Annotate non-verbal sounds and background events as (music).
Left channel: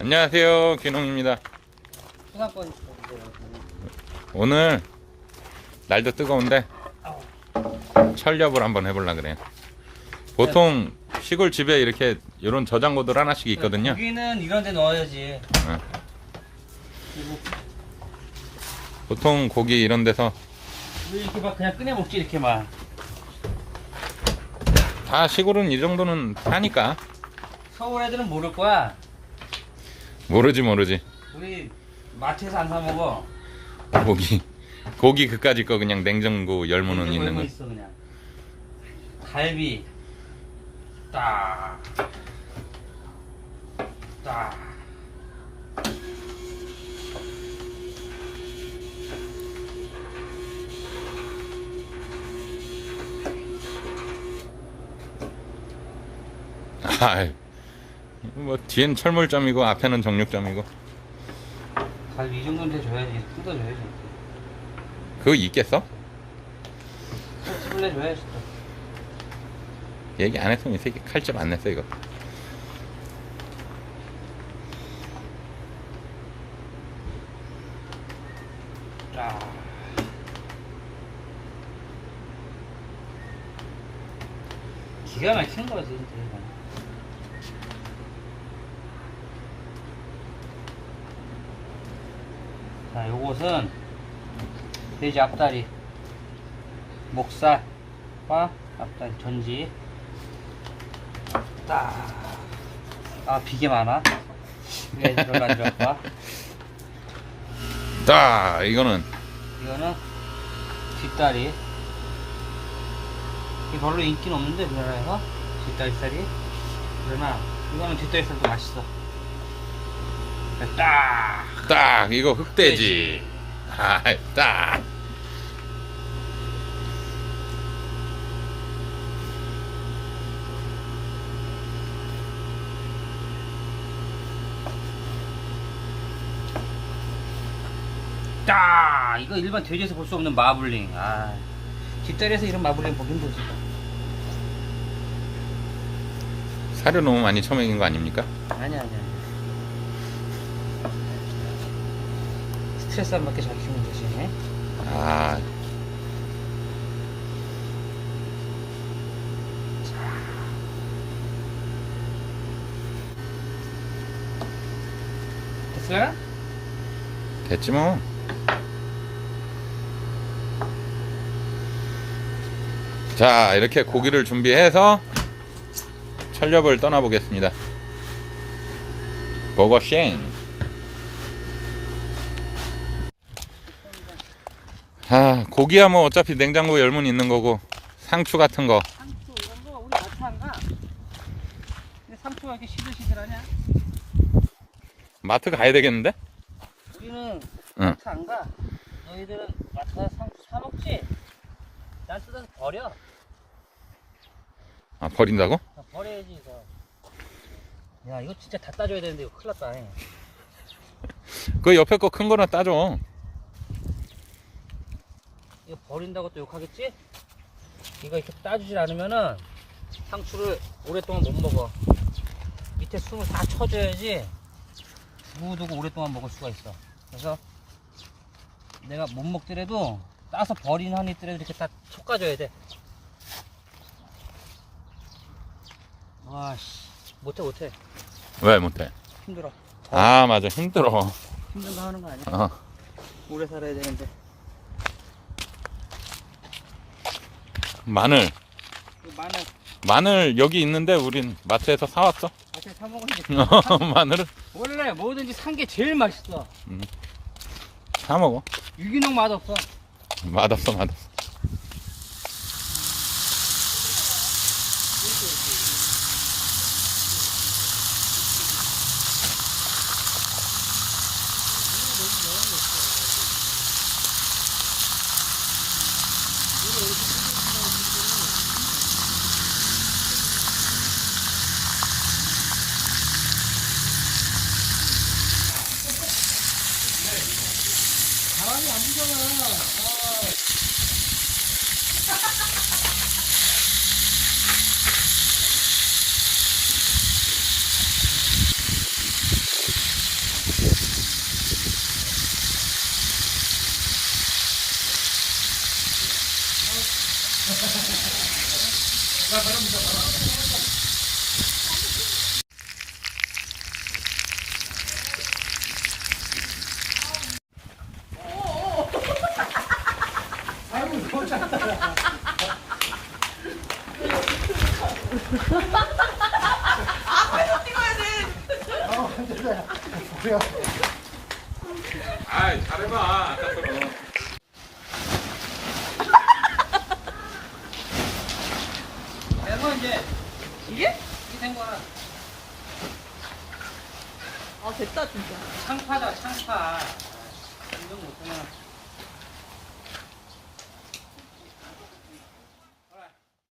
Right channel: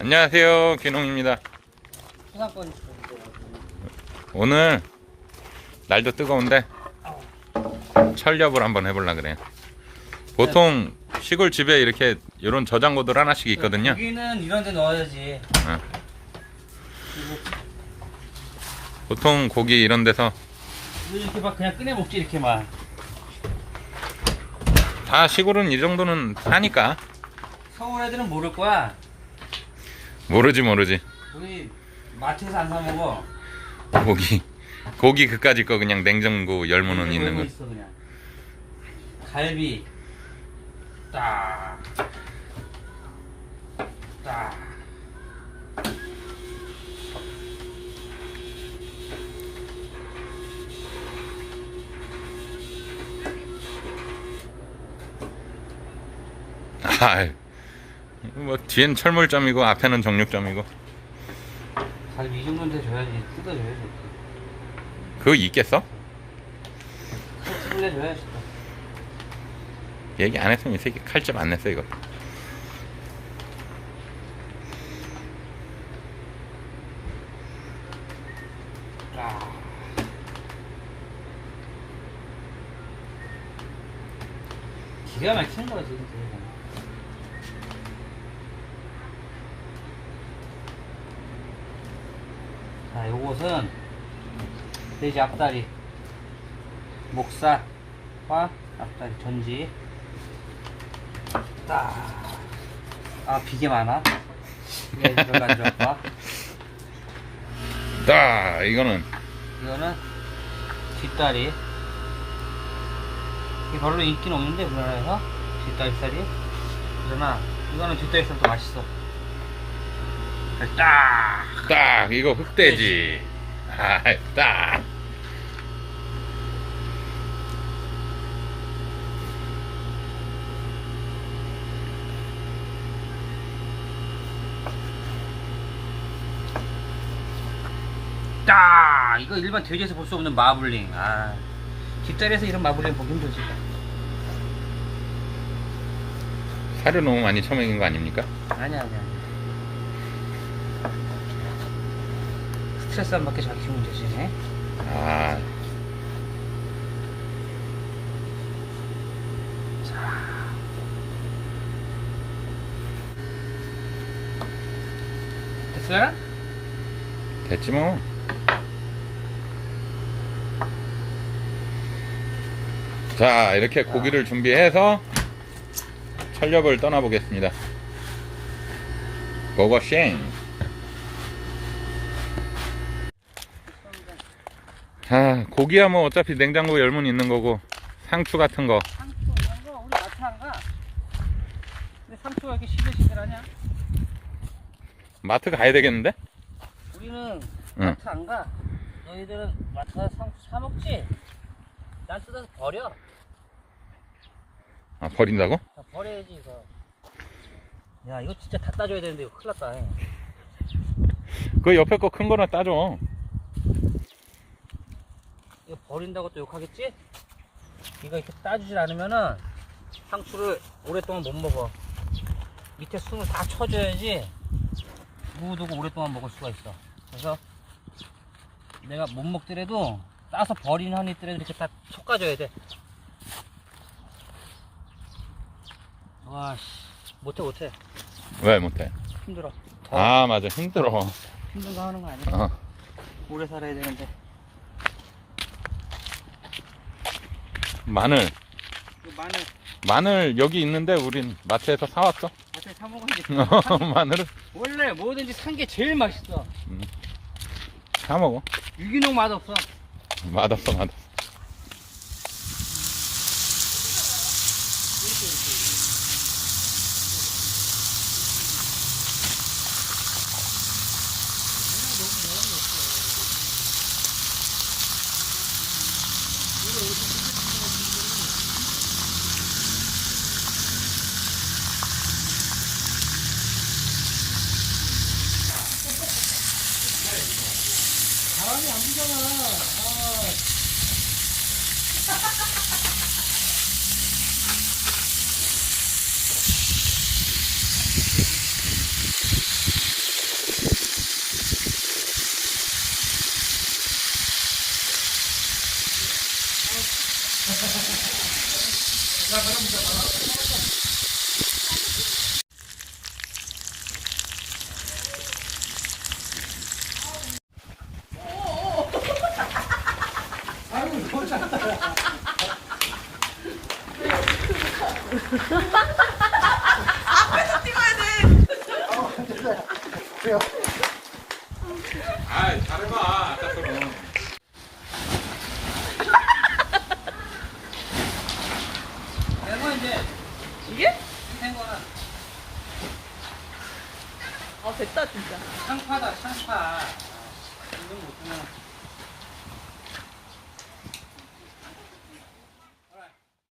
안녕하세요, 귀농입니다. 오늘 날도 뜨거운데 철렵을 한번 해보려 그래요. 보통 시골 집에 이렇게 이런 저장고들 하나씩 있거든요. 여기는 이런 데 넣어야지. 어. 그리고 보통 고기 이런 데서 이렇게 막 그냥 꺼내 먹지 이렇게만. 다 시골은 이 정도는 하니까 서울 애들은 모를 거야. 모르지 모르지. 우리 마트에서 안 사 먹어. 고기 고기 그까짓 거 그냥 냉장고 열무는 있는 열고 거. 있어 그냥. 갈비. 딱. 딱. 아, 뭐 뒤엔 철물점이고 앞에는 정육점이고 갈비 이 정도는 돼줘야지. 뜯어줘야지. 그거 있겠어? 뜯어줘야지. 얘기 안 했으면 이 새끼 칼집 안 냈어 이거. 딱. 기가 막힌 거지. 그거는. 자, 요것은 돼지 앞다리, 목살과 앞다리 전지. 딱. 아, 비계 많아. 왜 별로 안 좋아? 딱 이거는 이거는 뒷다리. 이게 별로 인기는 없는데 우리나라에서 뒷다리살이. 그러나 이거는 뒷다리살도 맛있어. 딱. 딱 이거 흑돼지. 아, 딱. 딱. 이거 일반 돼지에서 볼 수 없는 마블링. 아. 뒷다리에서 이런 마블링 보기 힘들지. 사료 너무 많이 처먹인 거 아닙니까? 아니야 아니야. 잘 키우면 되지. 아, 됐어요? 됐지 뭐. 자, 이렇게 고기를 준비해서 철렵을 떠나보겠습니다. 고고쉥. 아, 고기야 뭐 어차피 냉장고 열문 있는 거고 상추 같은 거 상추 이런 거 우리 마트 안 가. 근데 상추가 이렇게 시들시들하냐? 마트 가야 되겠는데? 우리는 응. 마트 안 가. 너희들은 마트 가서 상추 사 먹지? 난 뜯어서 버려. 아, 버린다고? 다 버려야지 이거. 야 이거 진짜 다 따줘야 되는데 이거 큰일 났다. 잉. 그 옆에 거 큰 거는 따줘. 이거 버린다고 또 욕하겠지? 이거 이렇게 따주질 않으면은 상추를 오랫동안 못 먹어. 밑에 숨을 다 쳐줘야지 두고두고 오랫동안 먹을 수가 있어. 그래서 내가 못 먹더라도 따서 버리는 한 있더라도 이렇게 다 솎아줘야 돼. 와씨 못해 못해 왜 못해? 힘들어. 더 아, 맞아. 힘들어. 힘든 거 하는 거 아니야? 어. 오래 살아야 되는데. 마늘. 이거 마늘 마늘 여기 있는데 우린 마트에서 사왔어. 어떻게 사 먹어야지. (laughs) 마늘은 원래 뭐든지 산 게 제일 맛있어. 사 먹어. 유기농 맛 없어. 맛없어, 맛없어. 바람이 안 불잖아요. 어. (laughs) 야, 바람 불잖아. 잘해봐 아까처럼 된거 이제 이게? 된 거야. 아 됐다 진짜. 창파다 창파. 인정 못하면